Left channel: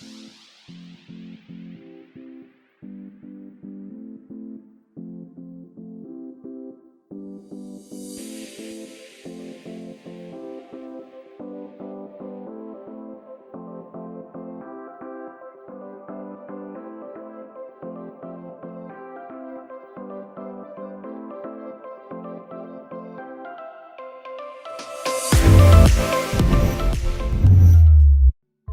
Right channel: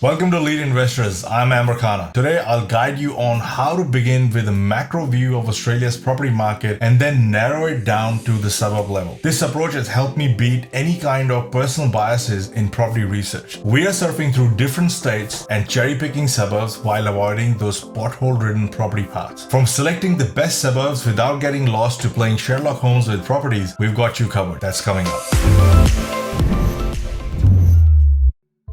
Welcome to Lead Investors. I'm Khanna. Today, I'll guide you on how to begin with a macro view of Australia's property market and then narrow it down to the suburb level. This approach has helped me beat any kind of personal biases in property research. We are surfing through different states and cherry-picking suburbs while avoiding those pothole-ridden property paths. From selecting the best suburbs without getting lost to playing Sherlock Holmes with properties, we've got you covered. That's coming up.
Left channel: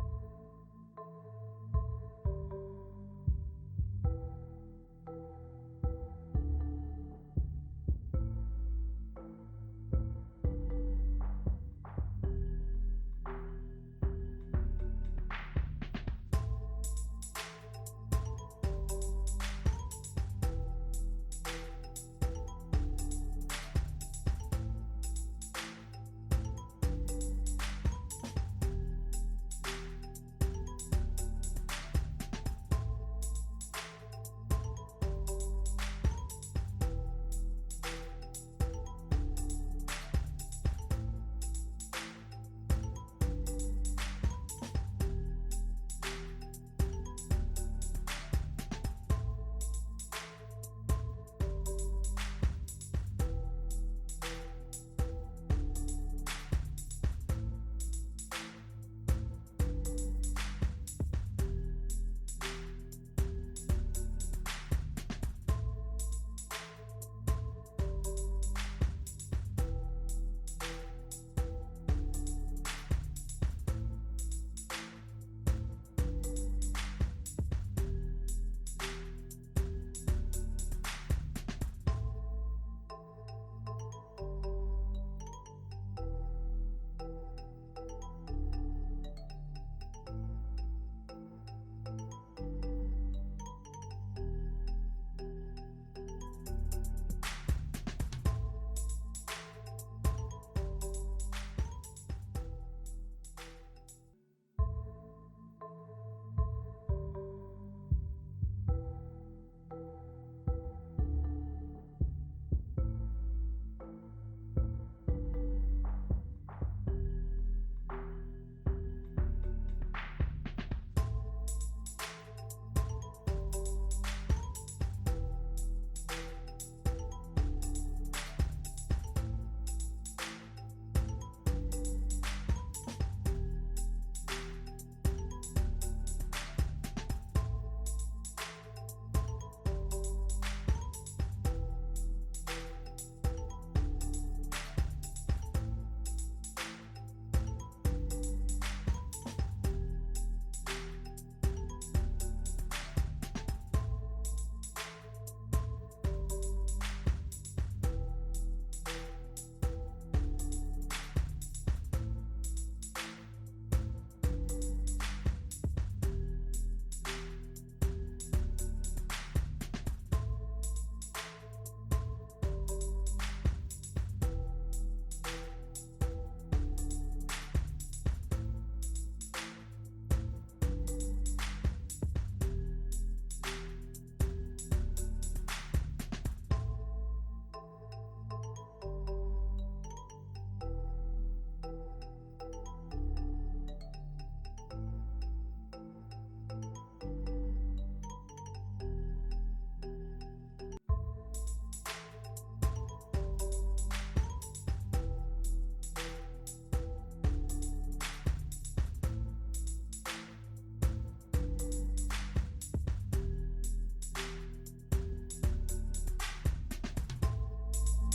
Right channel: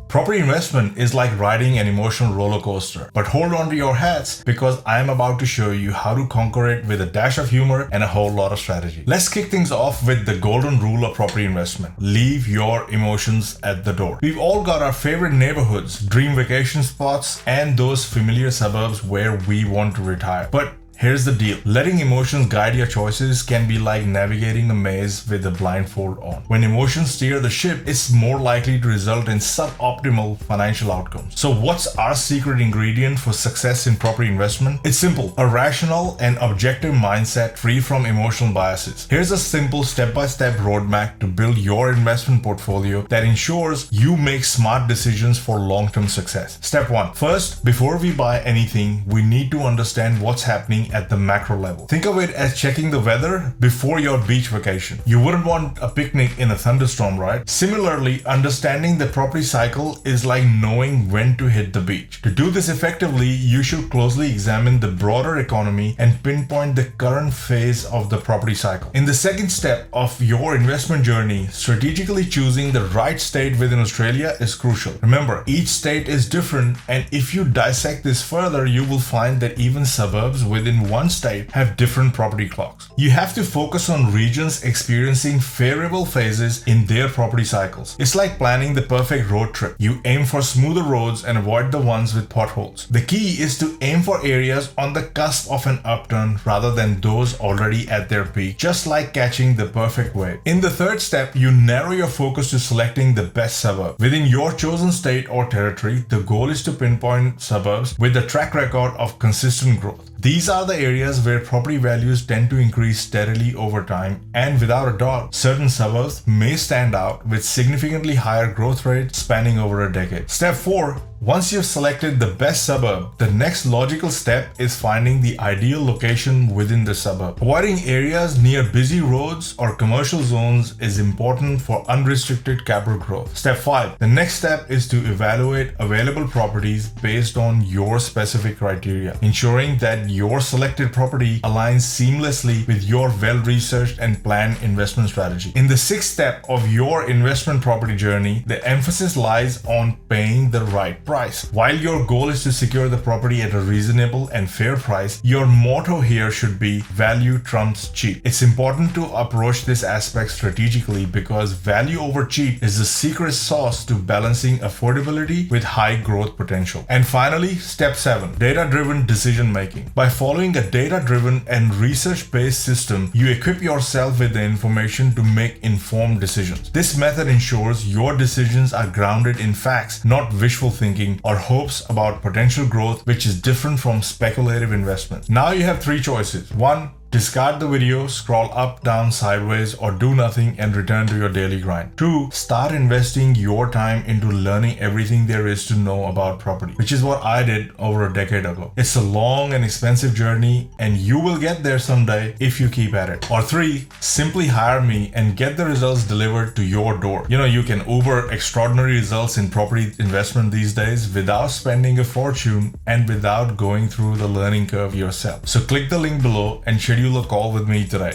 Property investment is like riding an emotional roller coaster, but hold on to your hats because I am about to show you how to conquer it with a dash of humor and a whole lot of strategy. Let's kick things off with the golden rule of property investment. Leave your emotions at the door. We've all got our favorite neighborhoods, dream vacation spots, and those familiar suburbs where we want to retire. But here's the deal. Letting emotions guide your choices can be like navigating a maze with a blindfold on. When emotions steer the ship, it's more likely to result in suboptimal financial outcomes. So what's our secret ingredient for success in property investment? It's simple. A rational and objective mindset free from emotional biases. Here's a simple step-by-step roadmap to build your investment portfolio that ensures you make smart decisions for long-term success. Step 1. First, before we buy anything, we need to understand what's happening at the macro level. Think of it as checking the weather before your beach vacation. You wouldn't want a picnic in a thunderstorm, right? Similarly, understanding the property cycle is like knowing when to hit the beach. To do this effectively, you should closely examine the broader economy and pinpoint the current phase of the property cycle. In the second step of your investment journey, strategically choosing the right state within Australia is crucial. Remember, each state is different, and if you dissect this further, you will find that even suburbs within one state have different property clocks. You have to focus on regions experiencing favorable phases in their property cycles. It's like planning the perfect road trip. You aim for smoother roads and avoid the ones with potholes. The key is to aim for areas on the cusp of an upturn rather than those already at their peak, just like catching the perfect wave. In the third step, you narrow your focus to selecting the best suburb. Within your chosen state or territory, the goal is to pinpoint suburbs with a track record of consistent growth. These are the areas where property values tend to increase steadily over time, and without a doubt, certain suburbs may stand out with significantly higher growth rates spanning over a decade. Step 4. Once you've selected the best suburb, the next logical step is finding the ideal location within the suburb. Avoiding areas near busy roads or commercial zones is important for unrestricted capital growth. Step 5. The next step is to evaluate available properties based on your specific criteria, ensuring that your selected property aligns seamlessly with your well-researched and planned investment strategy. In the sixth step of your investment property journey, the emphasis lies on paying the right price. While your goal is to secure the property at a reasonable and fair price, your motto here should be value trumps cheap. It's important to approach this aspect strategically because value over cheap is the secret sauce to balancing affordability with high growth potential. And finally, step 7, data-driven decision making. By following a data-driven and research-based system, you equip yourself with the information to make informed decisions. This method ensures your decisions are grounded in facts, not wishful thinking or hopes about potential growth, which is different from speculative investment. Now you have 3 choices. 1. Discard the video, scroll up, down, sideways, or do nothing and return to your daily grind. 2. Start investing your time into learning everything there is to know about property, which is what I did over a decade ago. It's a long and expensive journey, and you will get there someday if you keep at it. Or 3. Simply hire me and get the results delivered to your door. You can Uber extraordinary results in property investment these days without spending a fortune and without going through the learning curve yourself. So click the link below and schedule a call with me today.